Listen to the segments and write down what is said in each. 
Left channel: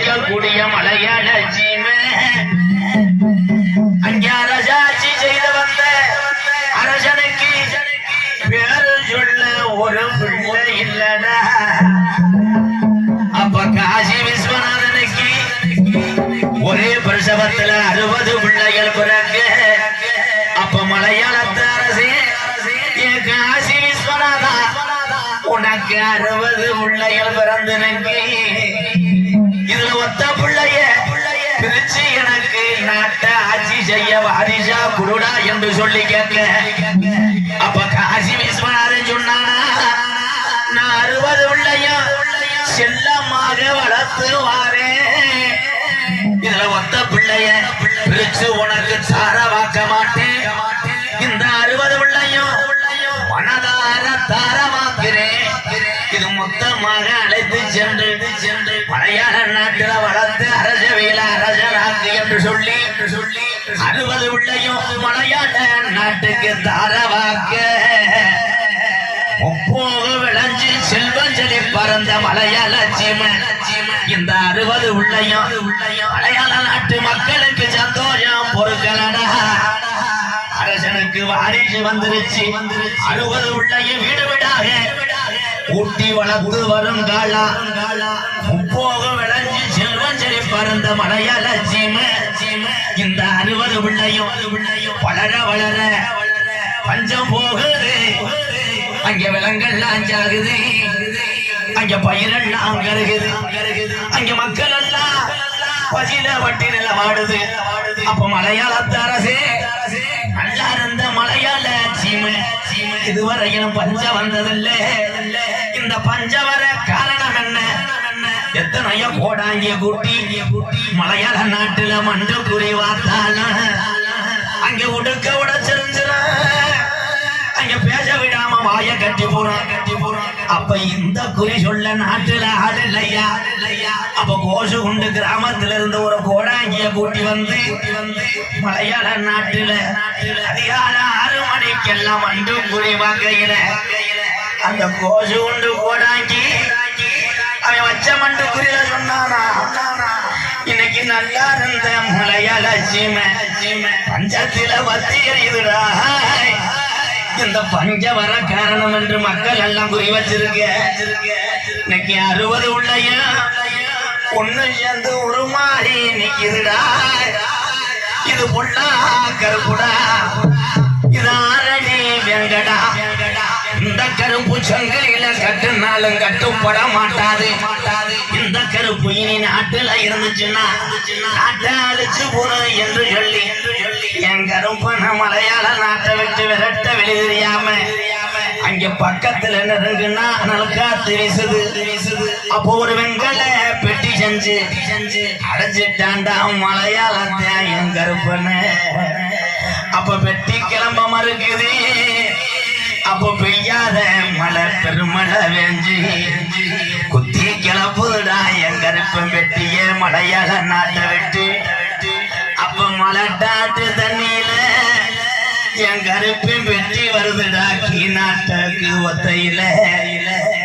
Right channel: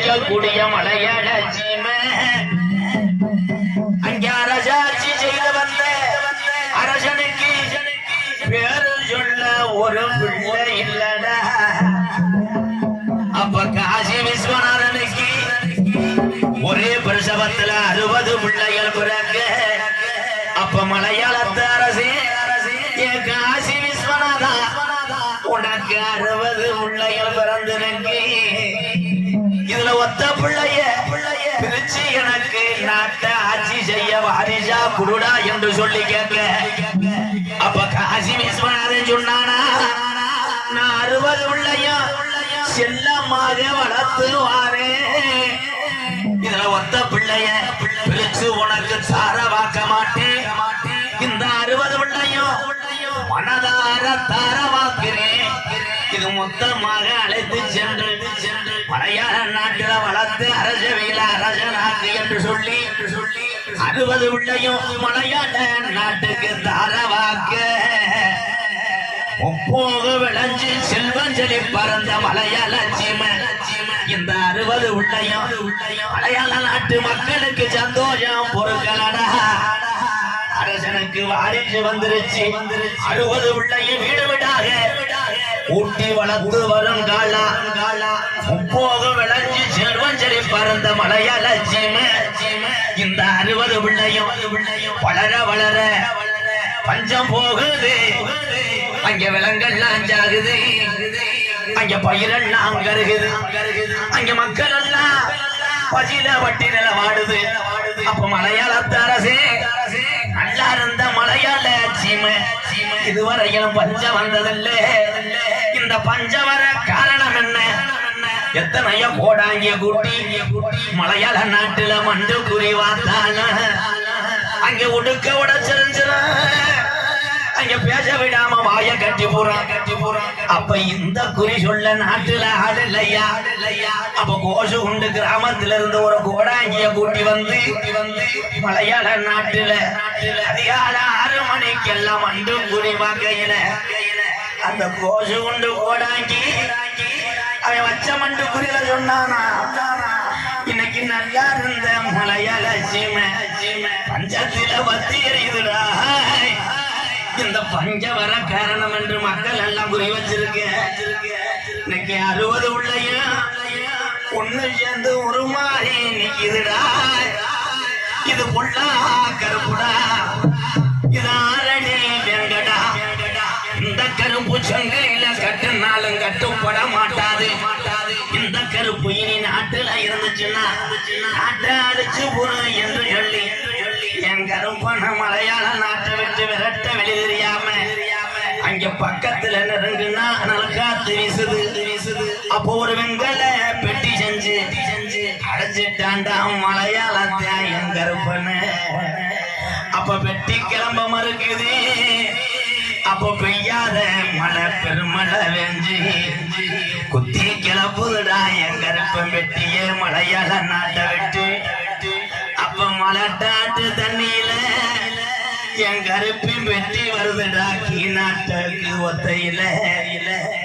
இருக்கக்கூடிய மலையாள சீமை அங்கே அரசாட்சி செய்து வந்த அரசனுக்கு பேரு சொல்ல ஒரு பிள்ளை இல்லடா. அப்ப காசி விஸ்வநாதனுக்கு ஒரே பிரசவத்துல 60 பிள்ளைகள் பிறக்க. அப்ப மலையாளத்து அரசே காசி விஸ்வநாதா உனக்கு 60 பிள்ளைகள் பிறந்தனுக்கு இதுல ஒத்த பிள்ளைய பிரிச்சு எனக்கு நாட்டை ஆட்சி செய்ய வாரிசா குருடா என்று சொல்லி கேட்க. அப்ப காசி விஸ்வநாதன் சொன்னானா, நான் 60 பிள்ளையும் செல்லமாக வளர்த்து வாரேன். இதுல ஒத்த பிள்ளைய பிரிச்சு உனக்கு தாரவாக்க மாட்டேன். இந்த 60 பிள்ளையும் மனதார தாரவாக்கிறேன். இது மொத்தமாக அழைத்து சென்று மலையாள நாட்டில வளர்த்து அரசவையில அரசனாக்கு என்று சொல்லி 60 பிள்ளையும் மலையாள நாட்டுக்கு தாரவாக்க. ஒப்போக விளைஞ்சு செல்வம் செழி பறந்த மலையாள சீமன் இந்த 60 பிள்ளையும் மலையாள நாட்டு மக்களுக்கு சந்தோஷம் பொறுக்கலடா. அரசனுக்கு வாரிசு வந்துருச்சு. 60 பிள்ளையும் வீடு வீடாக ஊட்டி வளர்த்து வருங்காலா. முப்போக விளைஞ்சு செல்வம் செழி பறந்த மலையாள சீமை இந்த 60 பிள்ளையும் வளர வளர பஞ்சம் போகுது. அங்க விலங்கெல்லாம் அஞ்சாகுது, அங்க பயிரெல்லாம் கருகுது, அங்க மக்கள் எல்லாம் பசியில வட்டி நில வாடுது. அப்ப மலையாளத்து அரசே நல்லா இருந்த மலையாள சீமை இதுவரையும் பஞ்சம் வந்ததில்லை. இந்த பஞ்சம் வர காரணம் என்ன? எத்தனையோ கோடாங்க கூட்டி மலையாள நாட்டுல மண்டு குறி வாத்தால அங்க உடுக்க உடச்சிருந்துரு, அங்க பேச விடாம வாய கட்டி போறான். அப்ப இந்த குறி சொல்ல நாட்டுல ஆள் இல்லையா. அப்ப கோஷு உண்டு கிராமத்துல இருந்து ஒரு கோடாங்கிய கூட்டி வந்து மலையாள நாட்டுல அதிகால 6 மணிக்கெல்லாம் மண்டு குறி வாங்கையில அந்த கோஷு உண்டு கோடாங்கி அவன் வச்ச மண்டு குறியில சொன்னானா, இன்னைக்கு நல்லா இருந்த மலையாள சீமை பஞ்சத்தில வத்தி எறியுதுடா. இந்த பஞ்ச வர காரணம் என்று மக்கள் எல்லாம் குறி வச்சிருக்க. இன்னைக்கு 60 உள்ளையா ஒண்ணு சேர்ந்து உருமாறி நிக்குதுடா. இது புள்ளா கருப்புடா, இது ஆரணி வெங்கடா. இந்த கருப்பு சங்கிலில கட்டுனாலும் கட்டுப்பட மாட்டாது. இந்த கருப்பு இனி நாட்டுல இருந்துச்சுன்னா நாட்டை அழிச்சு போறோம் என்று சொல்லி என் கருப்பன மலையாள நாட்டை விட்டு விரட்ட வெளி தெரியாம அங்க பக்கத்துல நெருங்குனா நல்காத்து வீசுது. அப்போ ஒரு வெங்கல பெட்டி செஞ்சு அடைச்சிட்டாண்டா மலையாளத்தை என் கருப்பன. அப்ப பெட்டி கிளம்ப மறுக்குது. அப்போ பெய்யாத மழை பெருமழை வேஞ்சி குத்தி கிளப்புடா என் கருப்பன் பெட்டிய மலையாள நாட்டை விட்டு. அப்ப மலைட்டாட்டு தண்ணியில என் கருப்பின் வெற்றி வருதுடா கீ நாட்டுக்கு ஒத்தையில.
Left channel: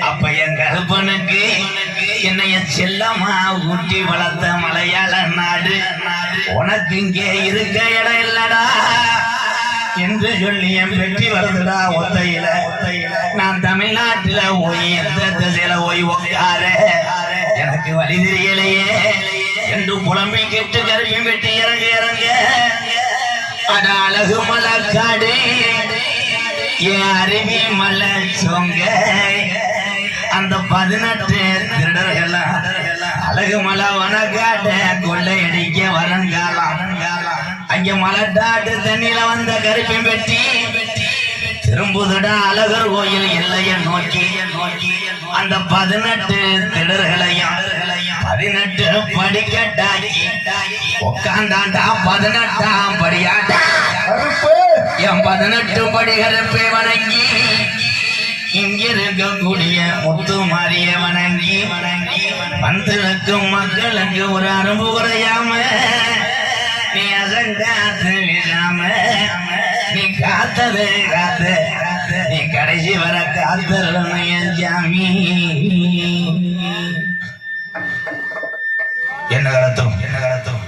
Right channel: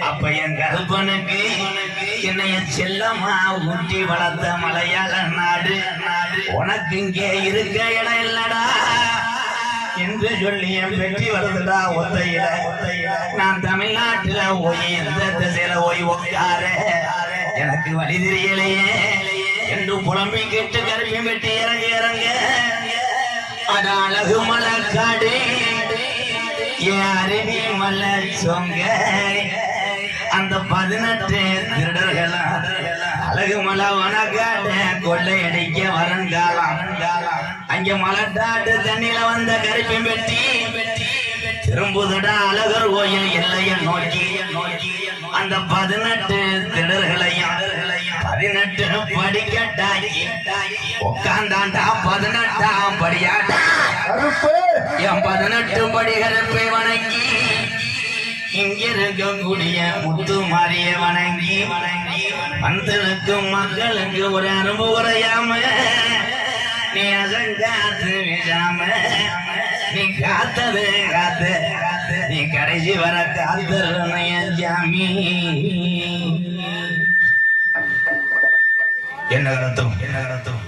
அப்ப என் கருப்பனுக்கு என்னைய செல்லமா ஊட்டி வளர்த்த மலையாள நாடு உனக்கு இங்கே இருக்க இடம் இல்லடா என்று சொல்லி என் வெற்றி வருதுடா ஒத்தையில. நான் தமிழ்நாட்டுல போய் எந்த திசையில போய் உட்கார எனக்கு வழி தெரியலையே என்று புலம்பி கேட்டு கருப்பின் வெட்டி இறங்க அட அழகு மலக்காடு என் அருவி மலை சொங்க. அந்த 18 திருடர்களா அழகு மலை வனக்காட்ட கொள்ளையடிக்க வருங்காலம். அங்க மலட்டாட்டு தண்ணியில வந்த கருப்பின் வெட்டி திரும்புதடா அழகர் கோயில் எல்லைய நோக்கி. அந்த 18 திடர்களையும் 18 படிக்கட்டாக்கி உட்காந்தாண்டா 18ஆம் படியாட்டா என் 18 படிகருப்பை வணங்கி இங்க இருக்கக்கூடிய முத்து மாறிய வணங்கி பந்தலுக்கும் மக்களுக்கு ஒரு அனுபவ குறையாம நீ அசங்காத்து விடாம நீ காத்தது காத்த நீ கடைசி வர காத்தரணும் என் ஜாமி. என்ன கடத்தும் என்ன கடத்தும்